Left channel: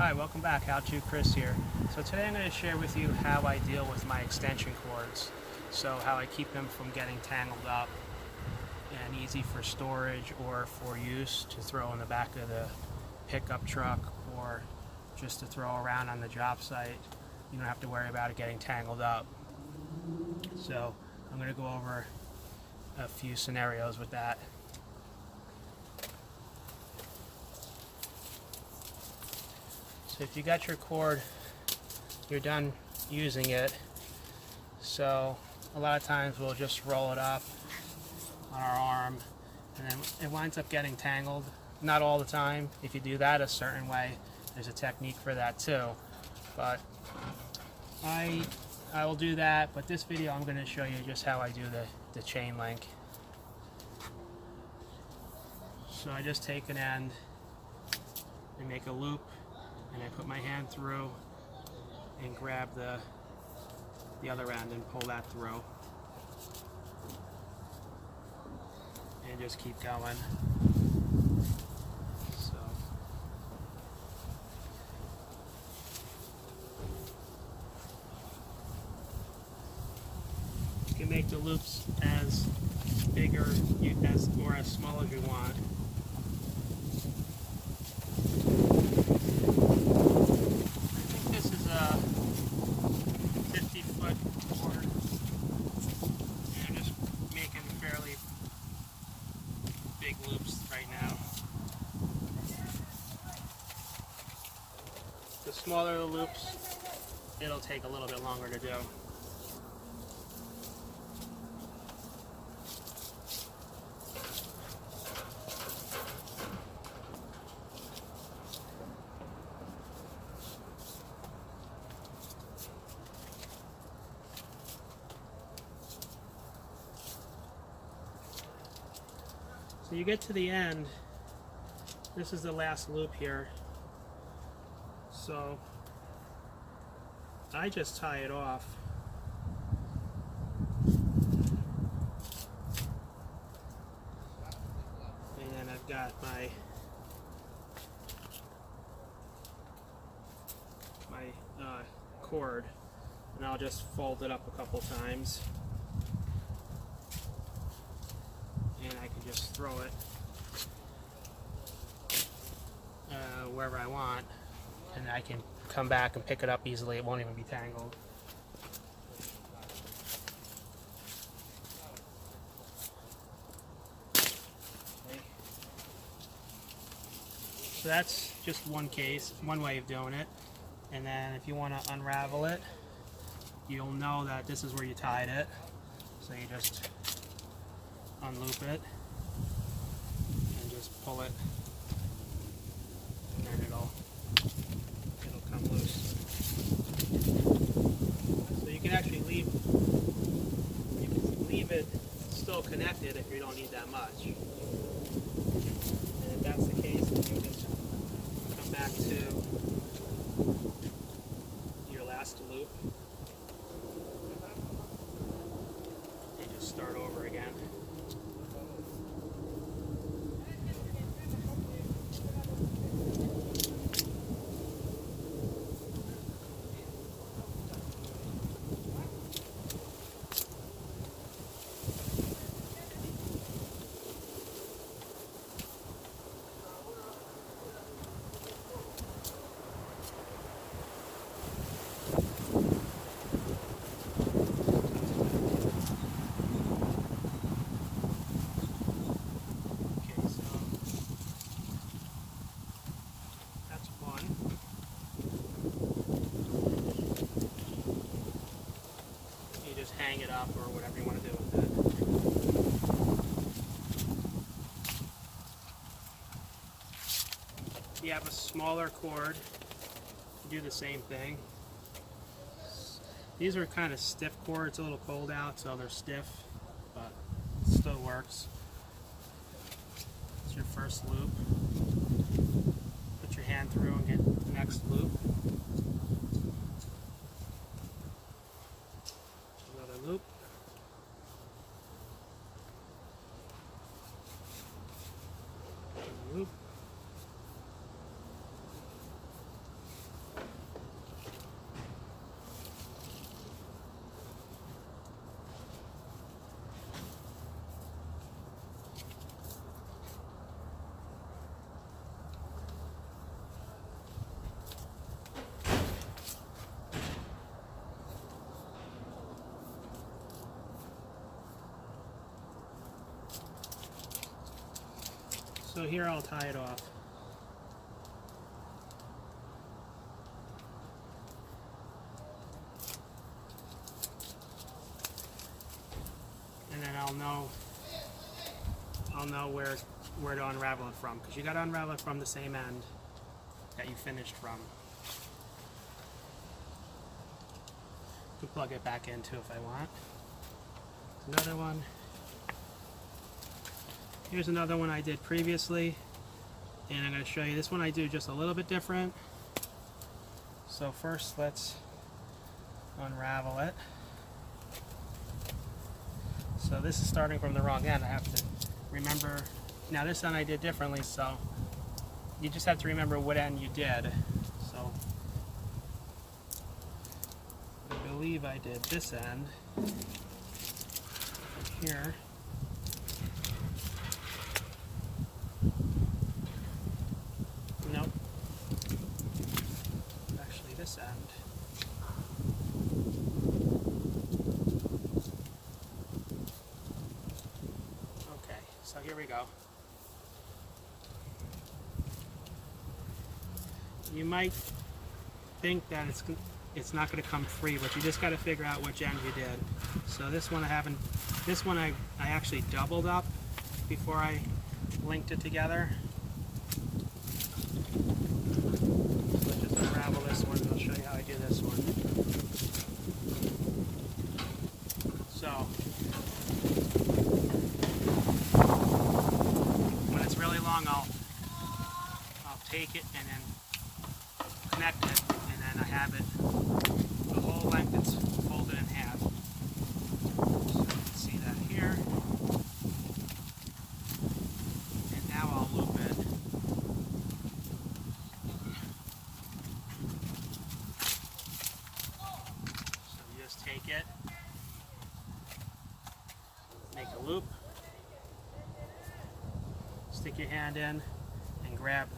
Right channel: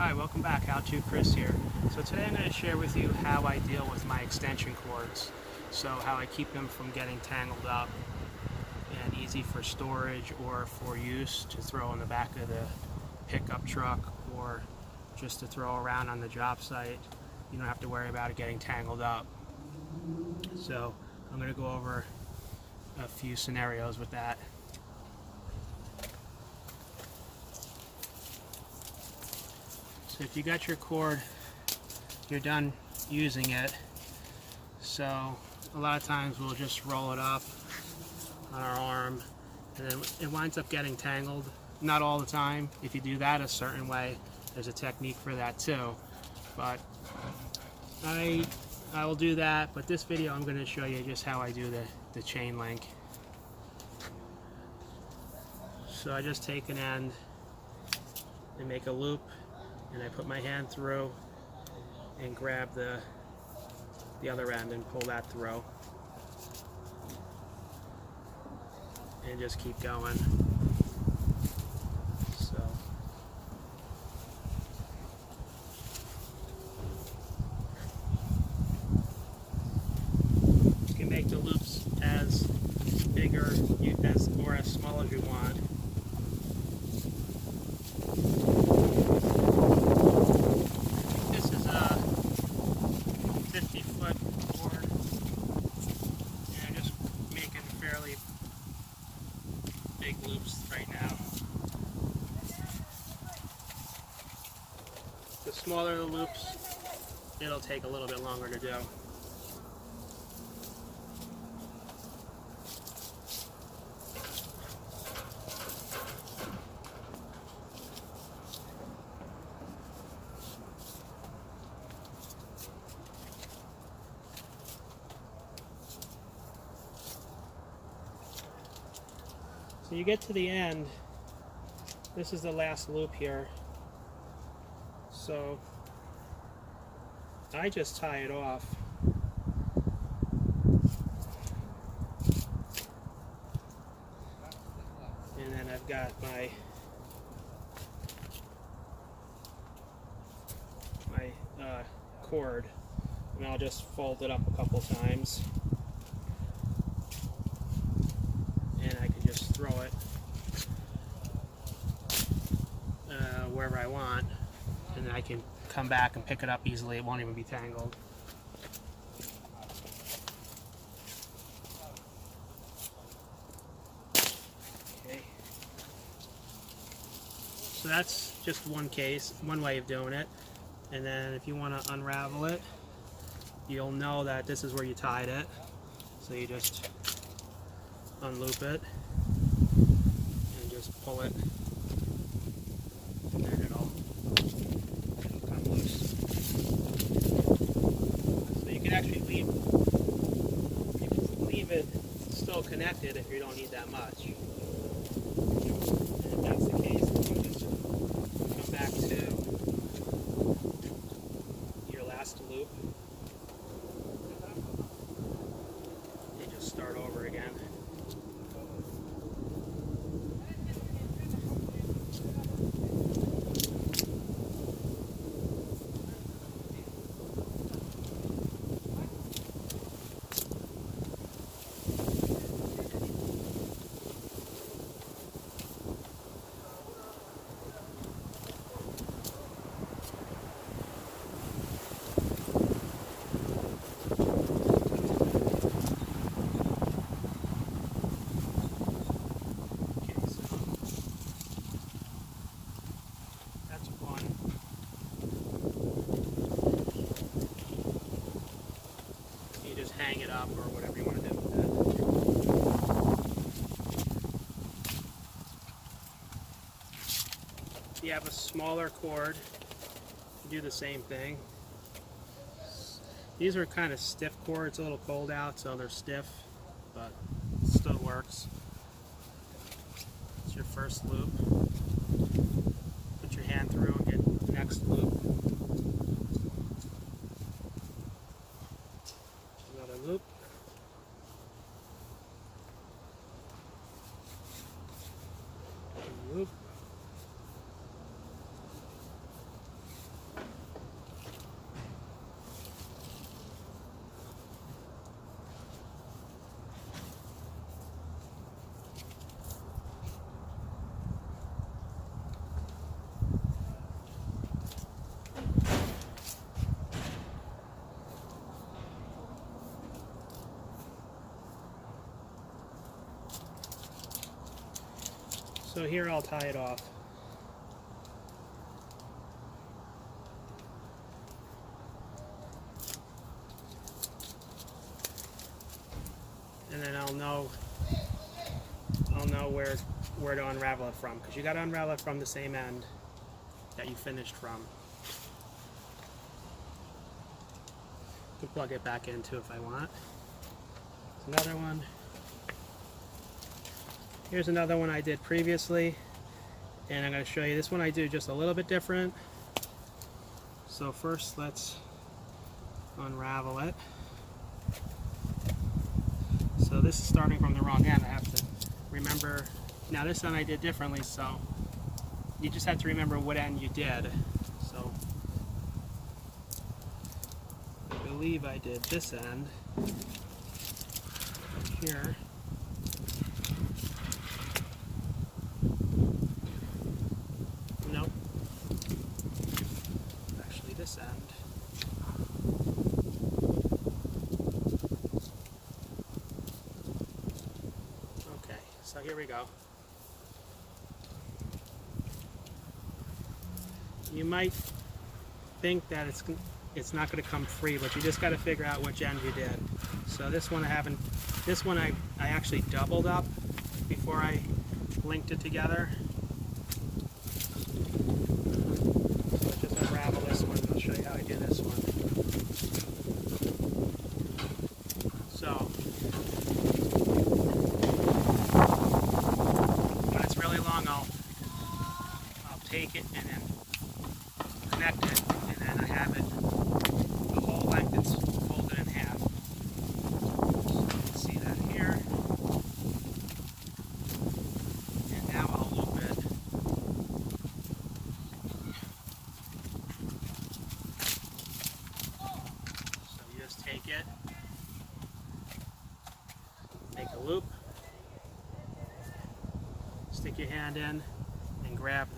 Hi, welcome back. How to Chris here. So today I'm going to share with you how I deal with my extension cords. So how I keep them from getting tangled up and easy for storage or for use to throw in the back of the pickup truck or just to throw around on the job site. You don't have to worry about it getting tangled up. So I'm going to go over a few scenarios with that. So if you got your cord, you're done using it. So a lot of times we'll just roll it up on our arm and then it winds up getting tangled. Not all the time. If you do that a certain way, there's a technique for that too. But I will do that, but this video I'm going to show you just how I do the chain link. So I just take an end and make a loop, and I put my hand through and grab the other end and pull that through and just keep going. So you can make the loops as big or as small as you want. Big loops right now. The smaller the loops, it'll take a little bit longer to do. So you get to the end, this is the last loop here. So I just tie it off. And then I've got my cord, and I'll just fold it up a couple times. And I can just throw it wherever I want, and I can come back and pick it up easily. It won't even be tangled. Okay. So that's just one case, one way of doing it. And then if you want to unravel it, you'll know that this is where you tied it. So you just unloop it and just pull it, and then it'll come loose. So you can actually leave it still connected if you don't need that much. And if that's the case, you just come back to your last loop and just start over again. Hang it up or whatever you want to do with that. If you have a smaller cord, you do the same thing. These are kind of stiff cords. It's a little cold out, so they're stiff, but it still works. It's your first loop. Put your hand through and get the next loop. Another loop. Loop. So here I'll tie it off. And then I'll know where to unravel it from, because you got to unravel it from the same end that you finished from. To plug it back into if I want. There's another one. Here's another one I did previously, and I'm going to show you this one I do just a little bit different. So first let's unravel it. So this is starting from the wrong end. I have to remember, now this end I did differently, so you just have to remember what end you did. So I believe I did this end here. Nope. Actually this end. Okay, so here we go. You might think that it's not going to come free, but you just got to figure out which end you did. So this one I actually doubled up before I linked it together. So just unravel this one and I'll show you how I do this one. So when it's really long, I'll take it and then connect it, and then I have it the whole length that's folded in half. So you can see that here. And now I'll loop it. So you just take it, make a loop, stick your hand in, and grab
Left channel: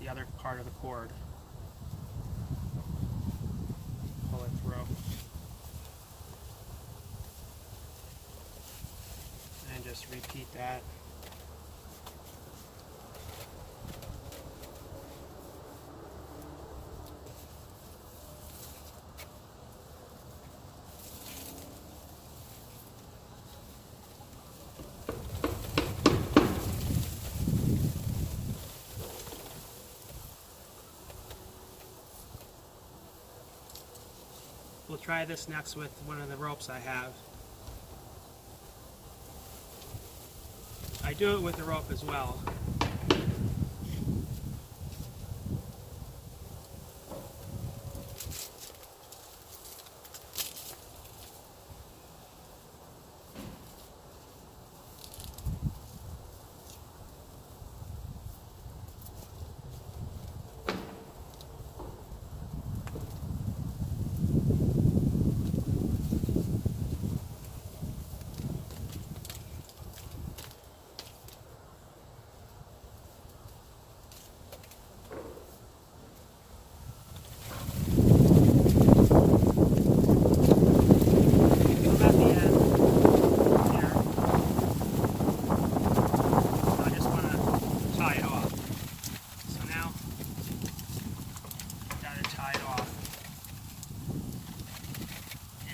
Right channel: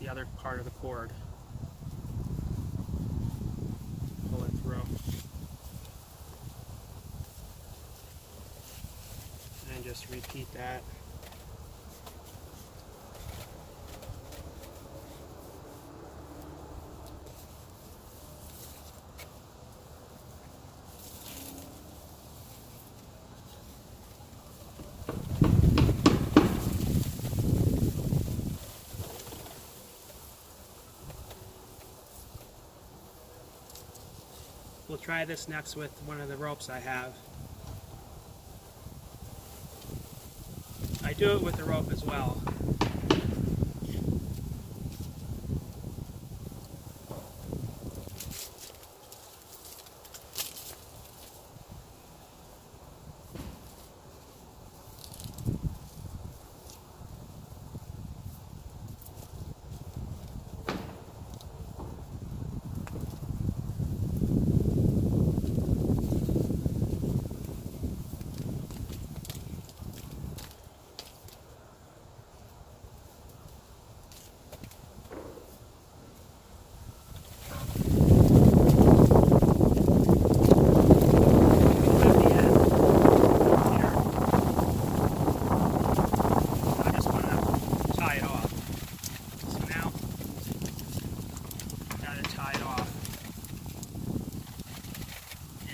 the other part of the cord. Pull it through. And just repeat that. We'll try this next with one of the ropes I have. I do it with the rope as well.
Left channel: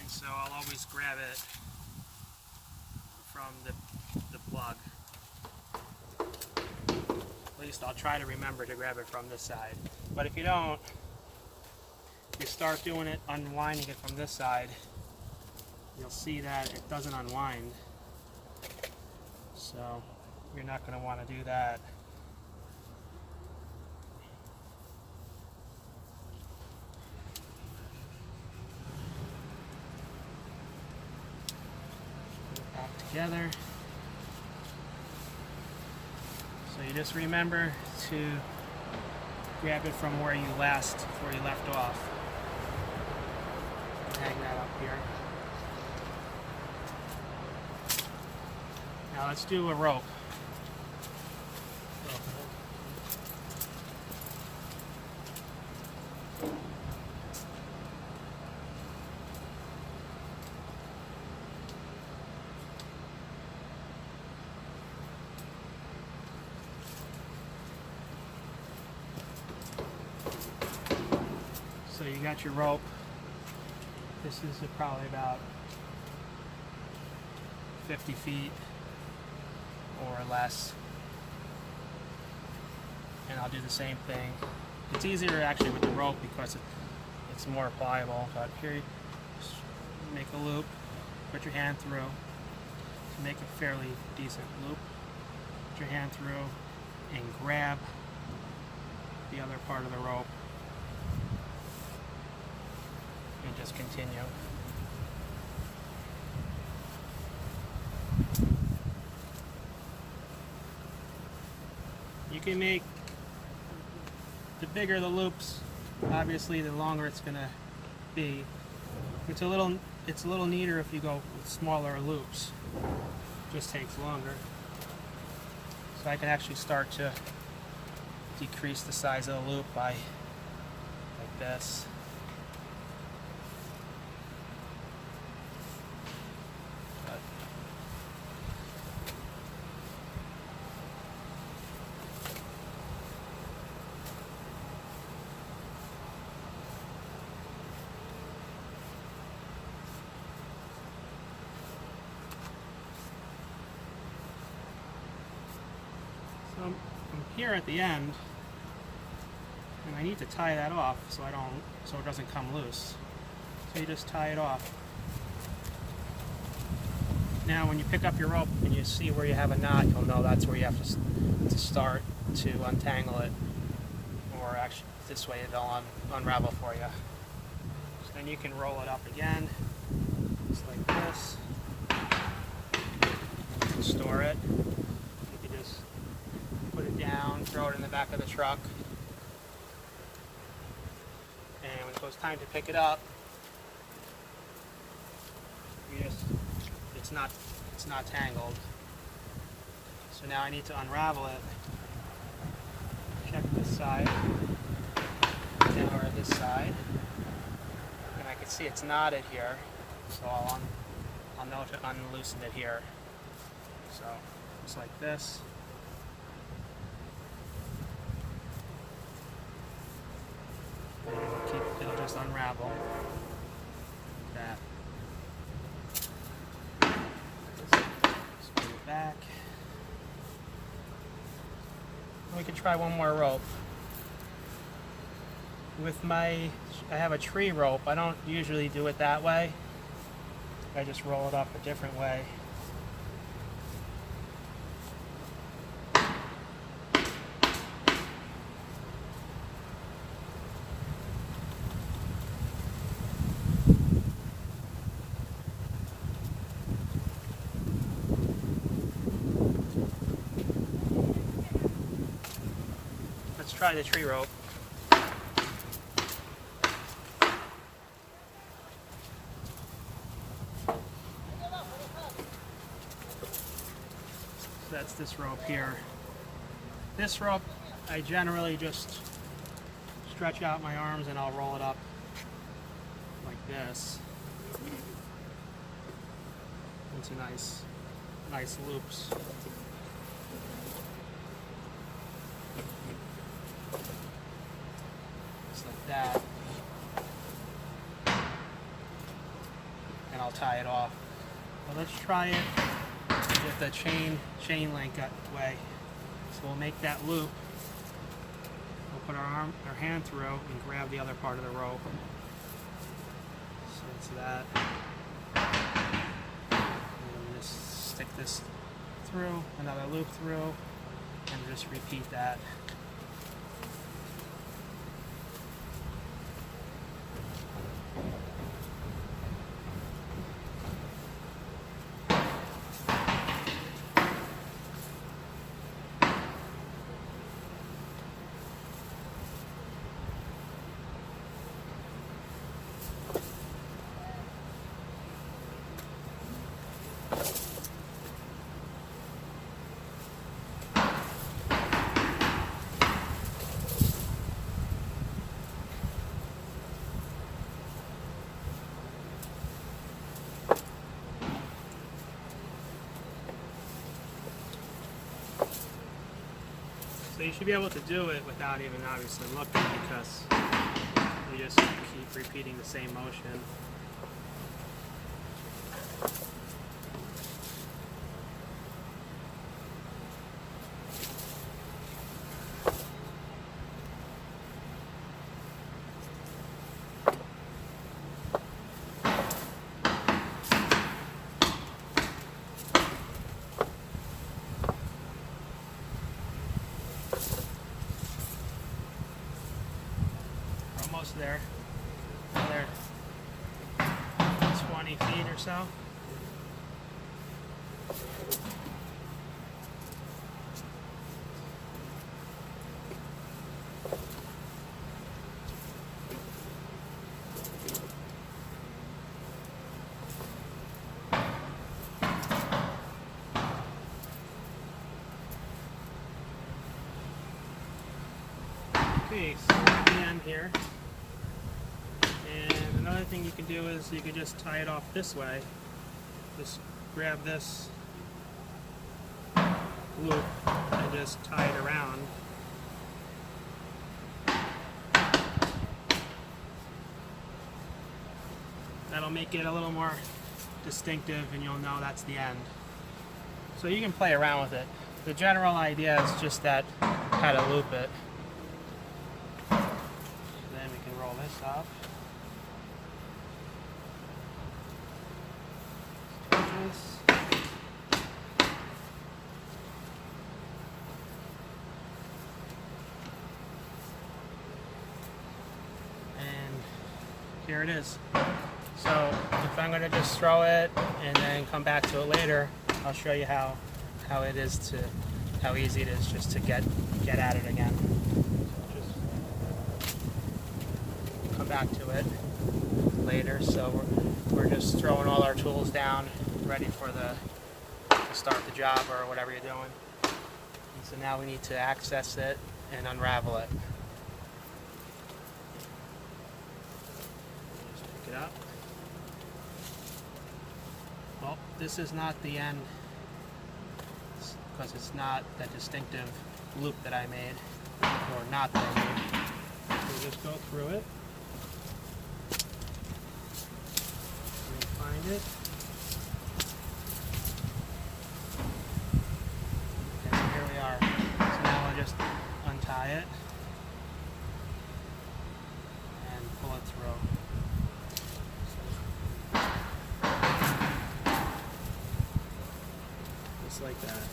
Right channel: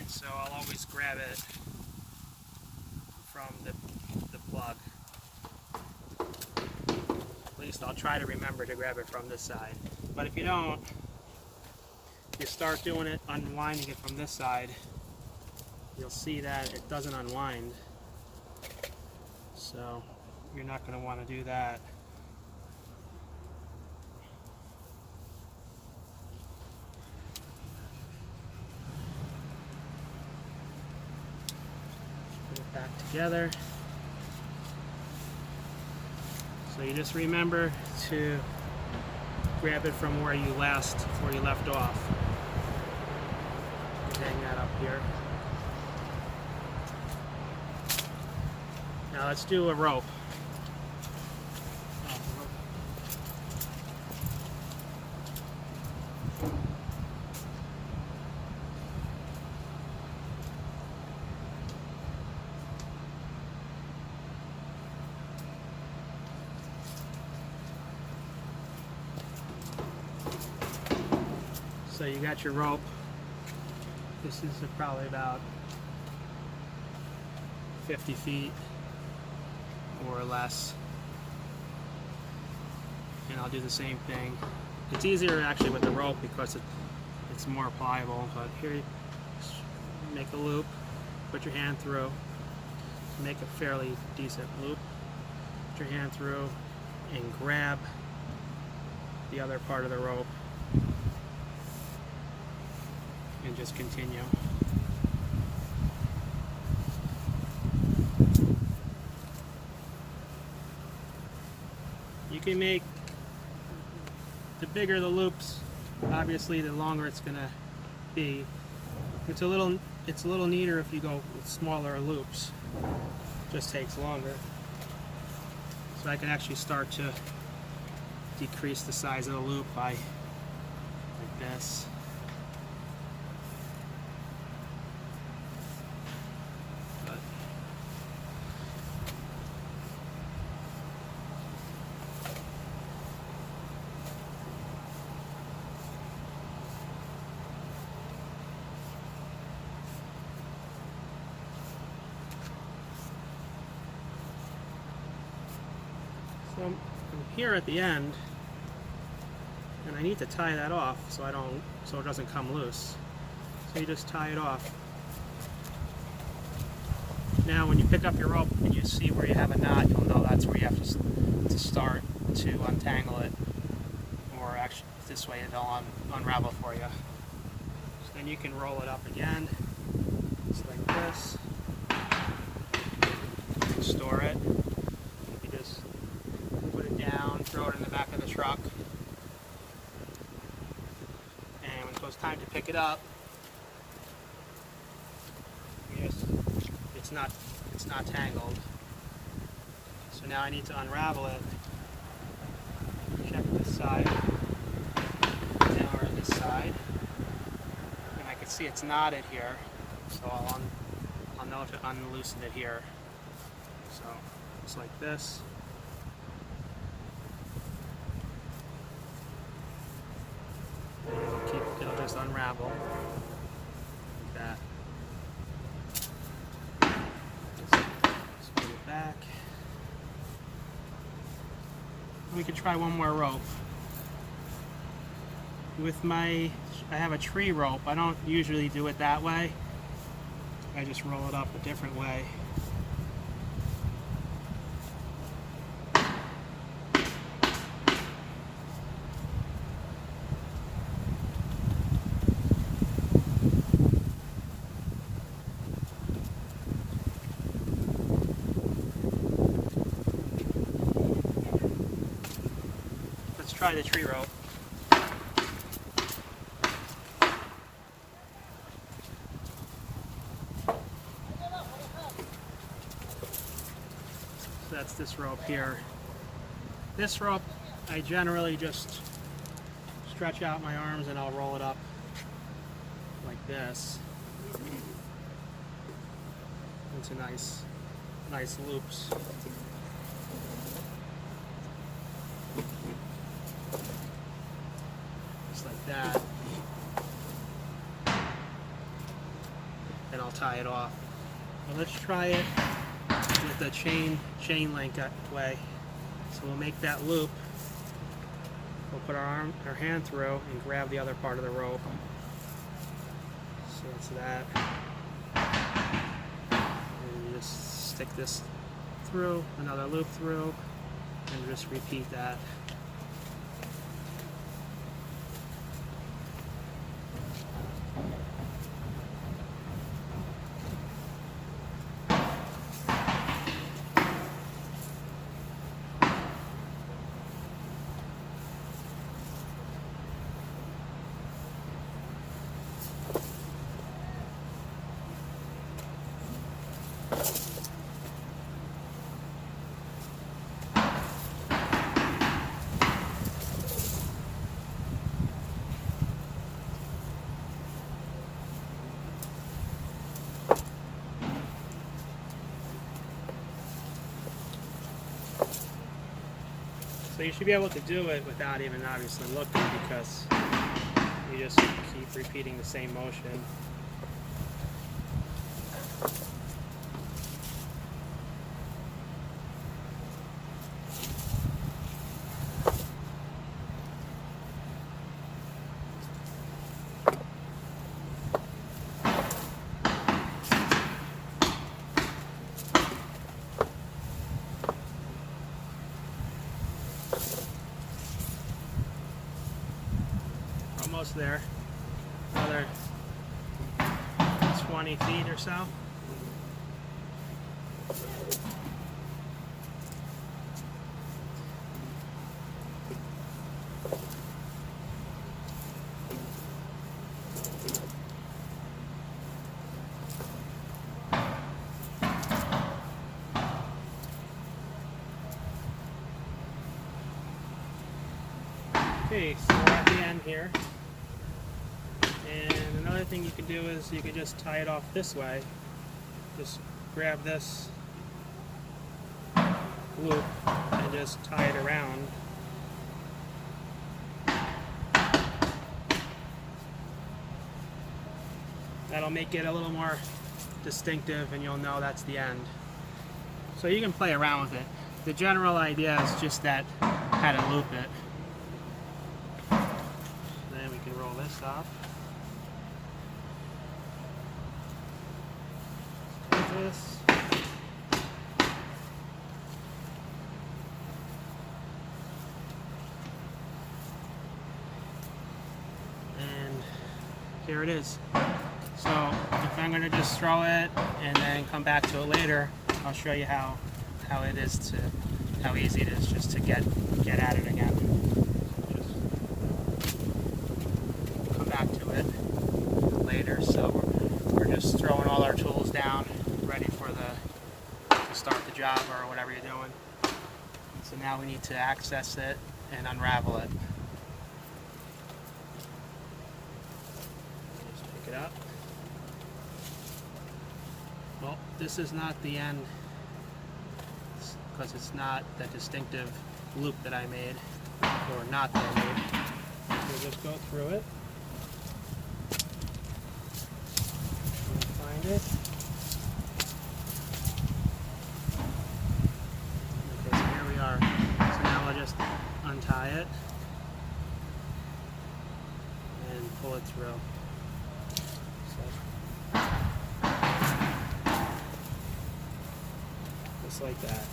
So I'll always grab it from the plug. At least I'll try to remember to grab it from this side. But if you don't, you start doing it, unwinding it from this side, you'll see that it doesn't unwind. So you're not going to want to do that. Back together. So you just remember to grab it from where you left off. Hang that up here. Now let's do a rope. So you got your rope. This is probably about 50 feet or less. And I'll do the same thing. It's easier actually with the rope because it's more pliable, but here you just make a loop, put your hand through, make a fairly decent loop, put your hand through and grab the other part of the rope and just continue. You can make, the bigger the loops, obviously the longer it's gonna be. It's a little neater if you go with smaller loops. It just takes longer. So I can actually start to decrease the size of the loop by like this. So I'm here at the end, and I need to tie that off so it doesn't come loose. So you just tie it off. Now when you pick up your rope and you see where you have a knot, you'll know that's where you have to start to untangle it. Or actually this way it'll unravel for you. Then you can roll it up again, just like this, and store it. You just put it down, throw it in the back of the truck, and when it goes time to pick it up, it's not tangled. So now I need to unravel it. Check this side. Now we're on this side, and I can see it's knotted here, so I'll know to unloosen it here. So just like this. It'll just unravel like that. Just put it back. We can try one more rope. I have a tree rope. I don't usually do it that way. I just roll it up a different way. Let's try the tree rope. That's this rope here. This rope, I generally just stretch out my arms and I'll roll it up like this into nice loops. Just like that. And I'll tie it off. Now let's try it with the Chainlink way. So we'll make that loop. We'll put our hand through and grab the other part of the rope. So it's that. And you just stick this through, another loop through, and just repeat that. So you should be able to do it without even obviously looking, because you just keep repeating the same motion. Almost there. Another 20 feet or so. Okay, so we're at the end here. And another thing you can do is you can just tie it off this way. Just grab this loop and just tie it around. That'll make it a little more distinctive and you'll know that's the end. So you can play around with it. The general idea is just that how to loop it. Then we can roll this off. And here it is. So if I'm going to just throw it and then come back to it later, I'll show you how easy it is just to get at it again. Just come back to it later. So we're just throwing all our tools down, ready for to start the job or whatever you're doing. So now we need to access it and unravel it. Just pick it up. Well, this is not the end because it's not that distinctive loop that I made, or not that I made. So just go through it and find it. Okay, so here we are. So now I'll just untie it and pull it through. Just like that.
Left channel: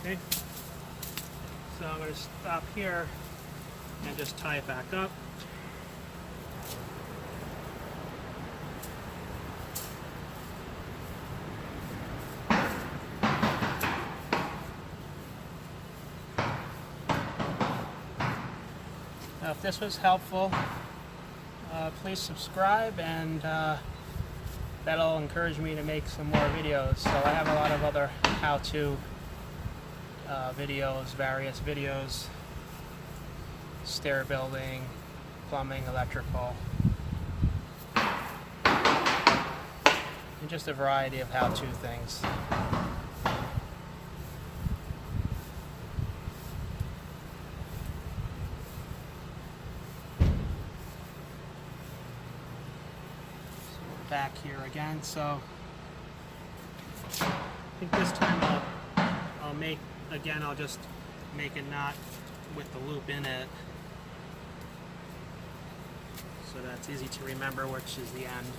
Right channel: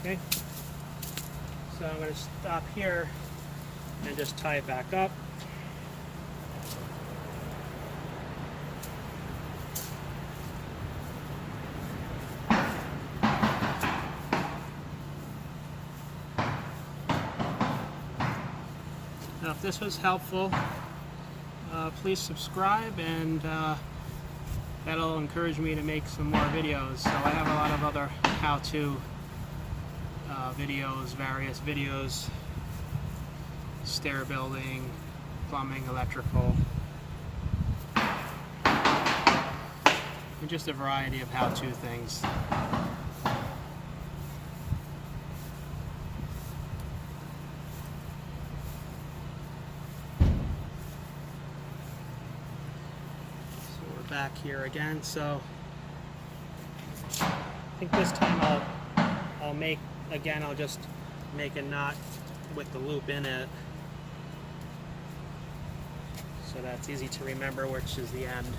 Okay, so I'm going to stop here and just tie it back up. Now, if this was helpful, please subscribe, and that'll encourage me to make some more videos. So I have a lot of other how-to videos, various videos, stair building, plumbing, electrical, and just a variety of how-to things. Back here again, so I think this time I'll just make a knot with the loop in it, so that's easy to remember which is the end.